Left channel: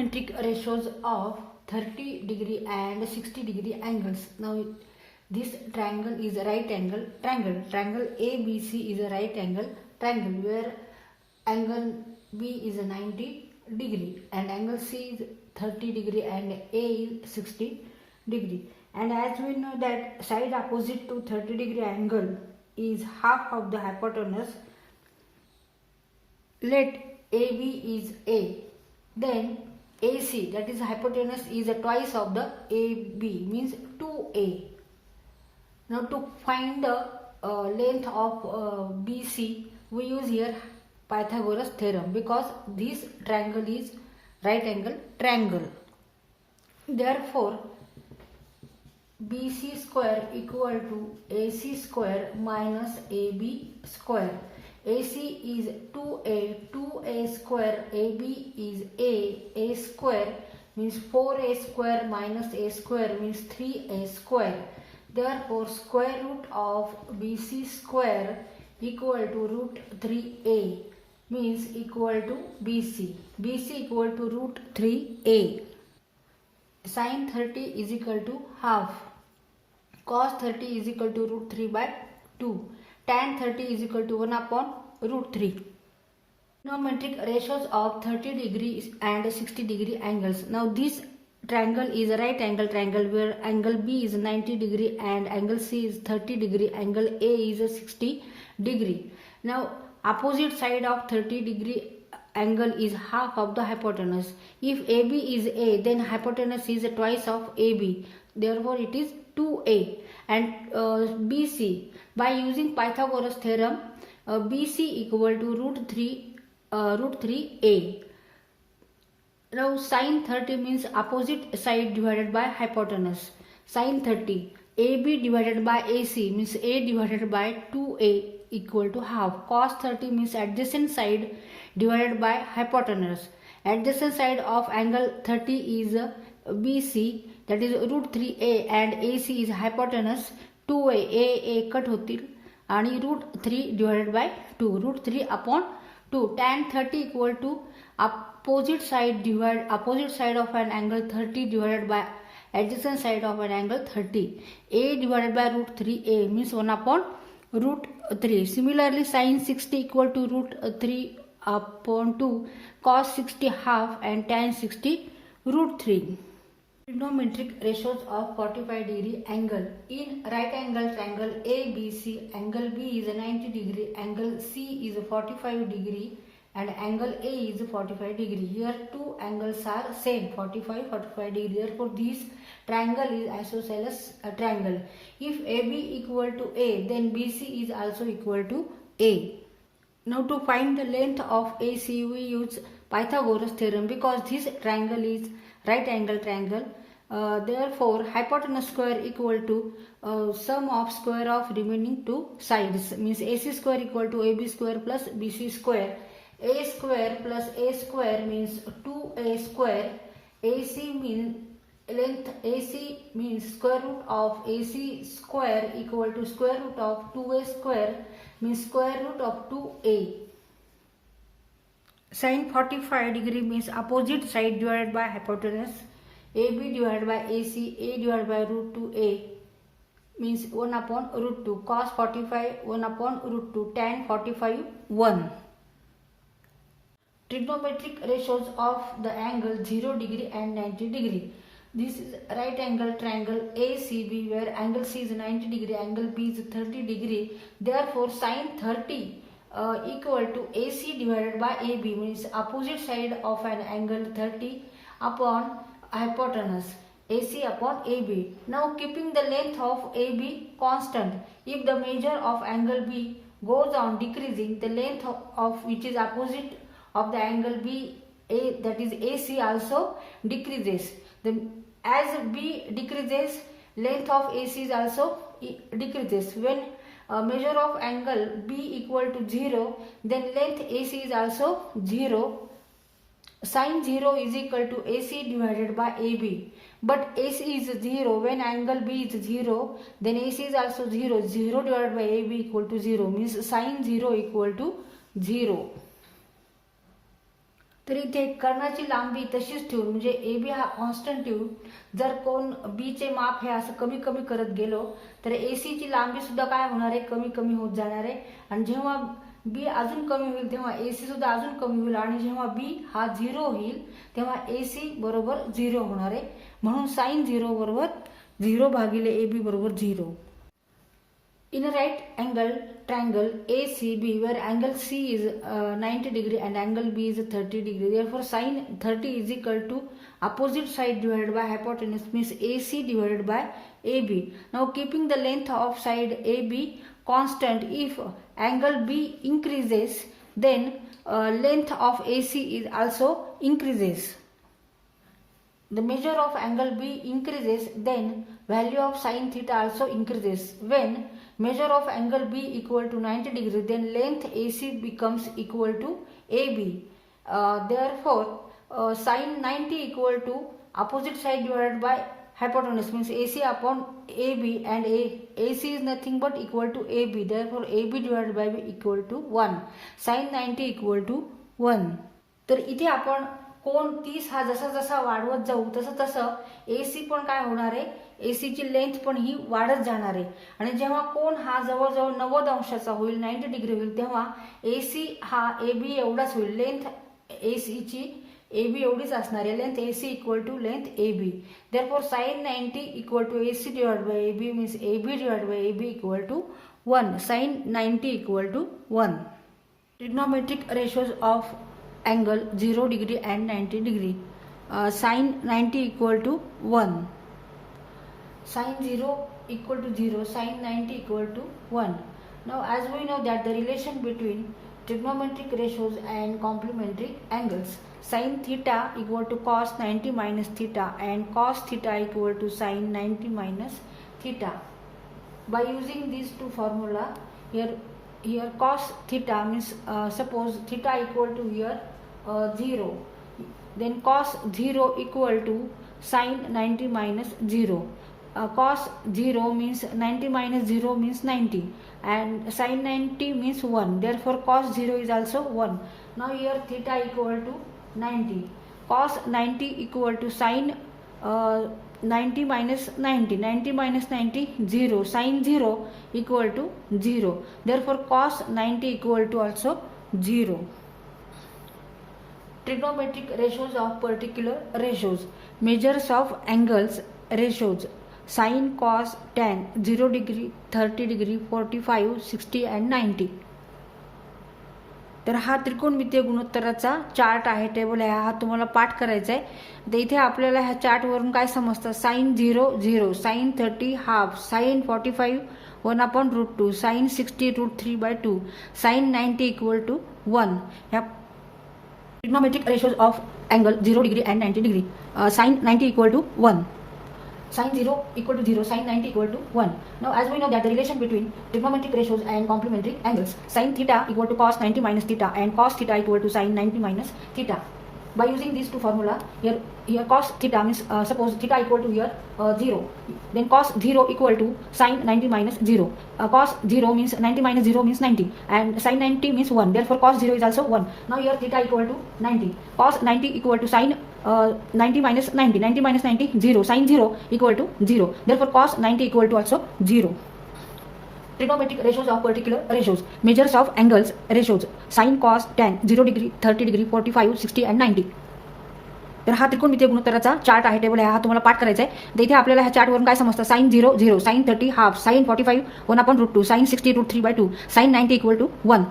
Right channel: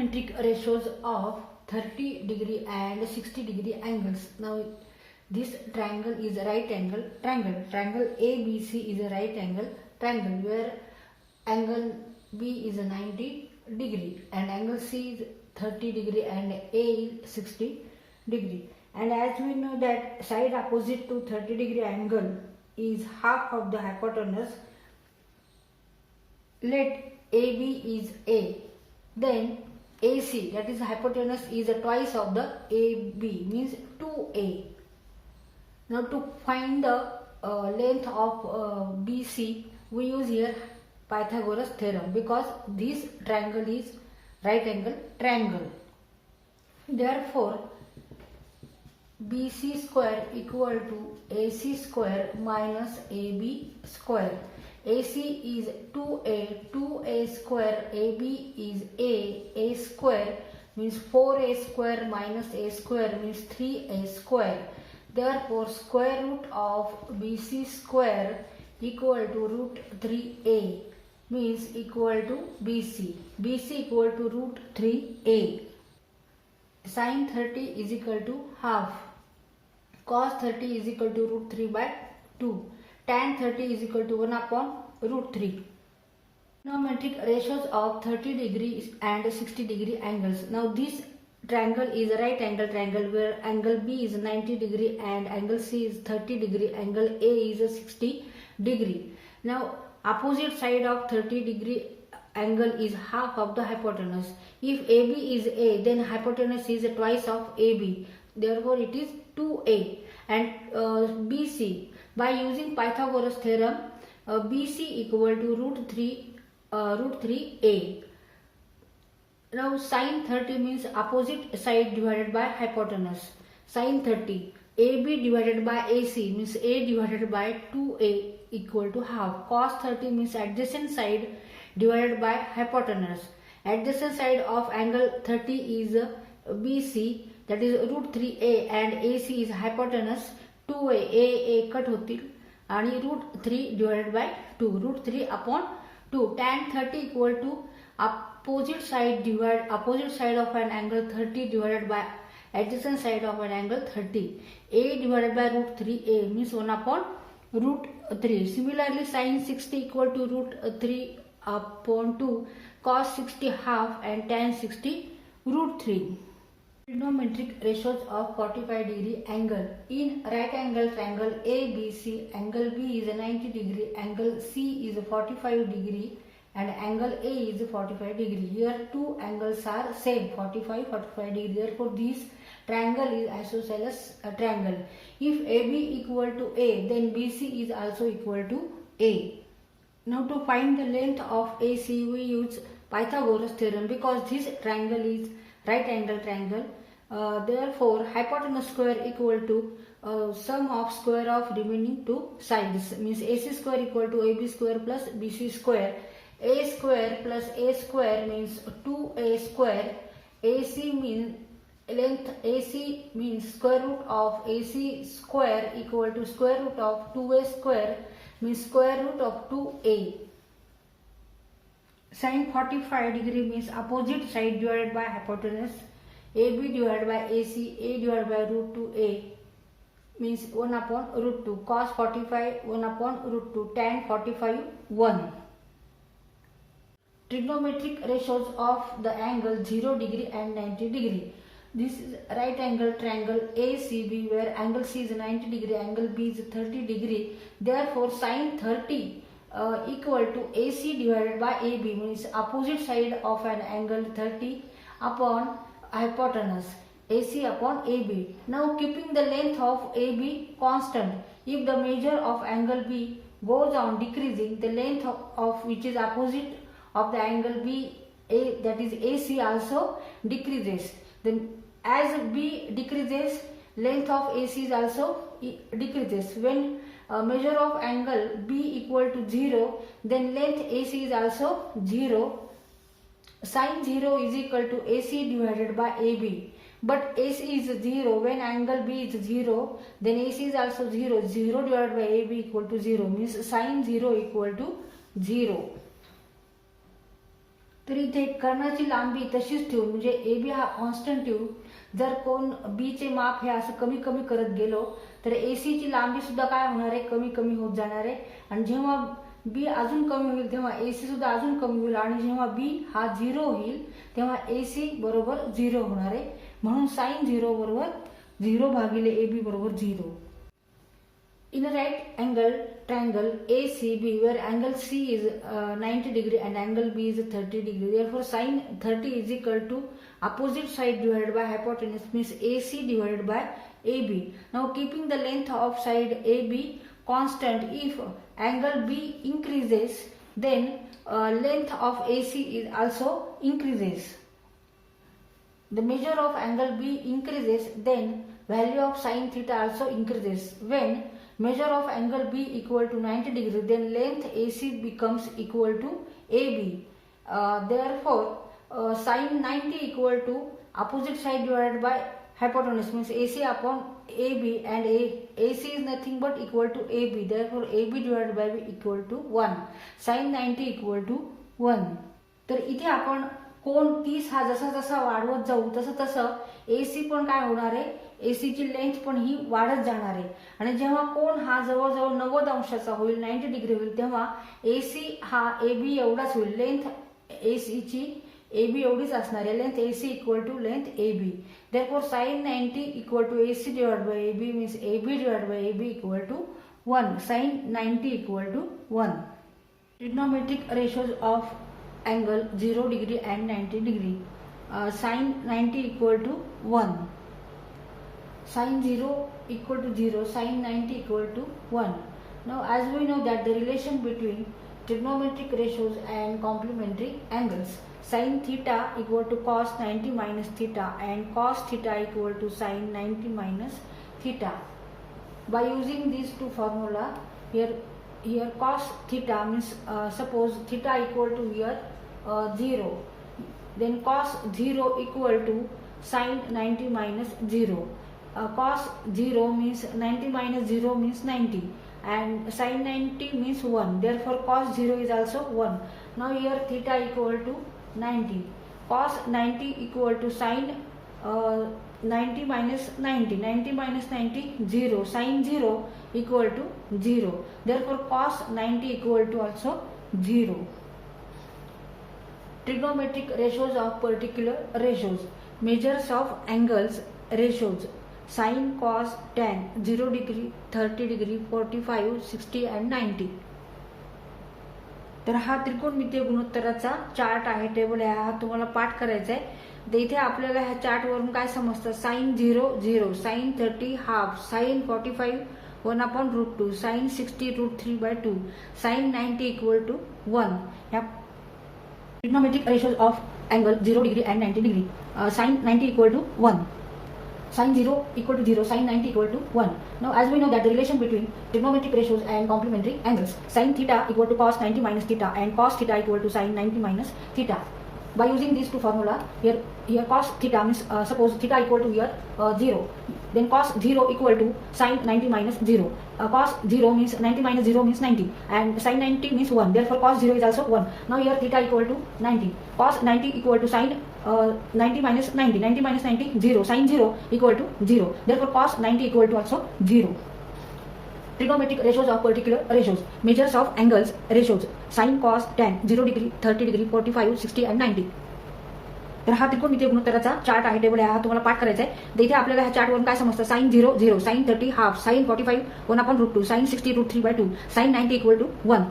Trigonometric ratios of 30 degree and 60 degree angles. Now this triangle is a right angle triangle. Triangle ABC is a right angle triangle where angle B is a 90 degree and angle C is 30 degree and A is 60 degree. And as we know that side opposite to 30 degree angle is half of the hypotenuse. Let AB is A. Then AC, that is hypotenuse, is a twice of the AB, means 2A. Now to find the length of BC, we use here Pythagoras theorem because this triangle is right angle triangle. Therefore, BC square equal to AC square minus AB square. AC is 2A, 2A square, AB is A square means 4A square minus A square means 3A square. Therefore, square root of BC square equal to root 3A means equal to BC. BC equal to root 3A. Sin 30 is equal to half. Cos 30 is equal to root 3 by 2. Tan 30 is equal to 1 upon root 3. Trigonometric ratios of 30 degrees and 60 degree angles. Now this triangle is a right angle triangle where angle B is 90 degree and angle C is 30 degree, angle A is a 60 degree. Now opposite side of 30 degree angle is half of the hypotenuse. If AB is A, then hypotenuse is twice of AB. Therefore it is 2A. And BC, by using Pythagoras theorem, BC equal to root 3A. Now sin 30 means opposite side divided by hypotenuse. Sin 30, AB divided by AC means A divided by 2A equal to half. Cos 30 means adjacent side divided by hypotenuse. Adjacent side of angle 30 is BC, that is root 3A, and AC is hypotenuse 2A. A cut होतील आणि root 3 divided by 2, root 3 upon 2. Tan 30 equal to opposite side of an angle 30 divided by adjacent side of an angle 30. A divided by root 3A means 1 upon root 3. Similarly, sin 60 equal to root 3 upon 2, cos 60 half, and tan 60 root 3. Trigonometric ratios of 45 degree angle. In right angle triangle ABC, angle B is 90 degree, angle C is 45 degree and angle A is 45 degree. Here two angles are same, 45 degree. Therefore this triangle is isosceles triangle. If AB equal to A, then BC is also equal to A. Now to find the length of AC, we use Pythagoras theorem because this triangle is right angle triangle. Therefore hypotenuse square equal to sum of square of remaining two sides, means AC square equal to AB square plus BC square. A square plus A square means 2A square. AC means length AC means square root of AC square equal to square root of 2A square means square root of 2A. Sin 45 degree means opposite side divided by hypotenuse. AB divided by AC, A divided by root 2A means 1 upon root 2. Cos 45, 1 upon root 2. Tan 45, 1. Trigonometric ratios of the angle 0 degree and 90 degree. This is right angle triangle ACB where angle C is 90 degree, angle B is 30 degree. Therefore sin 30 equal to AC divided by AB means opposite side of an angle 30 upon hypotenuse, AC upon AB. Now keeping the length of AB constant, if the measure of angle B goes on decreasing, the length of which is opposite of the angle B, that is AC, also decreases. Then as B decreases, length of AC is also decreases. When measure of angle B equal to 0, then length AC is also 0. Sin 0 is equal to AC divided by AB. But AC is 0. When angle B is 0, then AC is also 0. 0 divided by AB equal to 0 means sin 0 equal to 0. तर इथे कर्णाची लांबी तशीच ठेवून म्हणजे AB हा constant ठेवून जर कोण B चे माप हे असं कमी कमी करत गेलो तर AC ची लांबी सुद्धा काय होणार आहे, कमी कमी होत जाणार आहे. आणि जेव्हा B अजून कमी होईल तेव्हा AC सुद्धा अजून कमी होईल आणि जेव्हा B हा 0 होईल तेव्हा AC बरोबर 0 होणार आहे. म्हणून sin 0 बरोबर 0 भागिले AB बरोबर 0. In a right angle triangle ACB where angle C is 90 degree and angle B is 30 degree, therefore sin 30 is equal to opposite side divided by hypotenuse means AC divided by AB. Now keeping the length of side AB constant, if angle B increases then length of AC is also increases. The measure of angle B increases then value of sin theta also increases. When measure of angle B equal to 90 degree then length AC becomes equal to AB. Therefore sin 90 equal to opposite side divided by hypotenuse means AC upon AB and AC is nothing but equal to AB. Therefore AB divided by B equal to 1. Sin 90 equal to 1. तर इथे आपण कोण 30 हा जसा जसा वाढवत जाऊ तसं तसं AC पण काय होणार आहे, AC ची लेंथ पण ही वाढत जाणार आहे. आणि जेव्हा कोण हा जवळजवळ 90 अंशाचा होईल, 90 डिग्री होईल तेव्हा AC हा AB एवढाच होईल. लेंथ AC ची AB एवढीच असणार आहे. Length AC equal to length AB. Therefore sin 90 equal to AC divided by AB means AB divided by AB equal to 1. Sin 90 equal to 1. Trigonometric ratios of angle 0 degree and 90 degree. Sin 90 equal to 1. Sin 0 equal to 0. Sin 90 equal to 1. Now as we know that the relation between trigonometric ratios and complementary angles, sin theta equal to cos 90 minus theta and cos theta equal to sin 90 minus theta. By using these two formula, here cos theta means suppose theta equal to here 0, then cos 0 equal to sin 90 minus 0. Cos 0 means 90 minus 0 means 90 and sin 90 means 1. Therefore cos 0 is also 1. Now here theta equal to 90. Cos 90 equal to sin 90 minus 90. 90 minus 90 0. Sin 0 equal to 0. Therefore cos 90 equal to also 0. Trigonometric ratios of particular ratios. Measures of angles ratios. Sin, cos, tan 0 degree, 30 degree, 45, 60 and 90. तर हा त्रिकोणमितीय गुणोत्तराचा chart आहे, table आहे, हा तुम्हाला पाठ करायचा आहे. तर इथे आपल्याला ह्या चार्ट वरून काय समजतं, sin 0 0, sin 30 half, sin 45 1/√2, sin 60 √3/2, sin 90 equal to 1. ह्या trigonometric ratios of angle 0 degree and 90 degree. Sin 90 equal to 1. Sin 0 equal to 0, sin 90 equal to 1. Now as we know that the relation between trigonometric ratios and complementary angles, sin theta equal to cos 90 minus theta and cos theta equal to sin 90 minus theta. By using these two formula, here cos theta means suppose theta equal to here 0, then cos 0 equal to sin 90 minus 0. Cos 0 means 90 minus 0 means 90 and sin 90 means 1. Therefore cos 0 is also 1. Now here theta equal to 90. Cos 90 equal to sin 90 minus 90. 90 minus 90 0. Sin 0 equal to 0. Therefore cos 90 equal to also 0. Trigonometric ratios of particular ratios. Measures of angles ratios. Sin, cos, tan 0 degree, 30 degree, 45, 60 and 90. तर हा त्रिकोणमितीय गुणोत्तराचा chart आहे, table आहे, हा तुम्हाला पाठ करायचा आहे. तर इथे आपल्याला ह्या चार्टवरून काय समजतं, sin 0 0, sin 30 half, sin 45 1/√2, sin 60 √3/2, sin 90 equal to 1.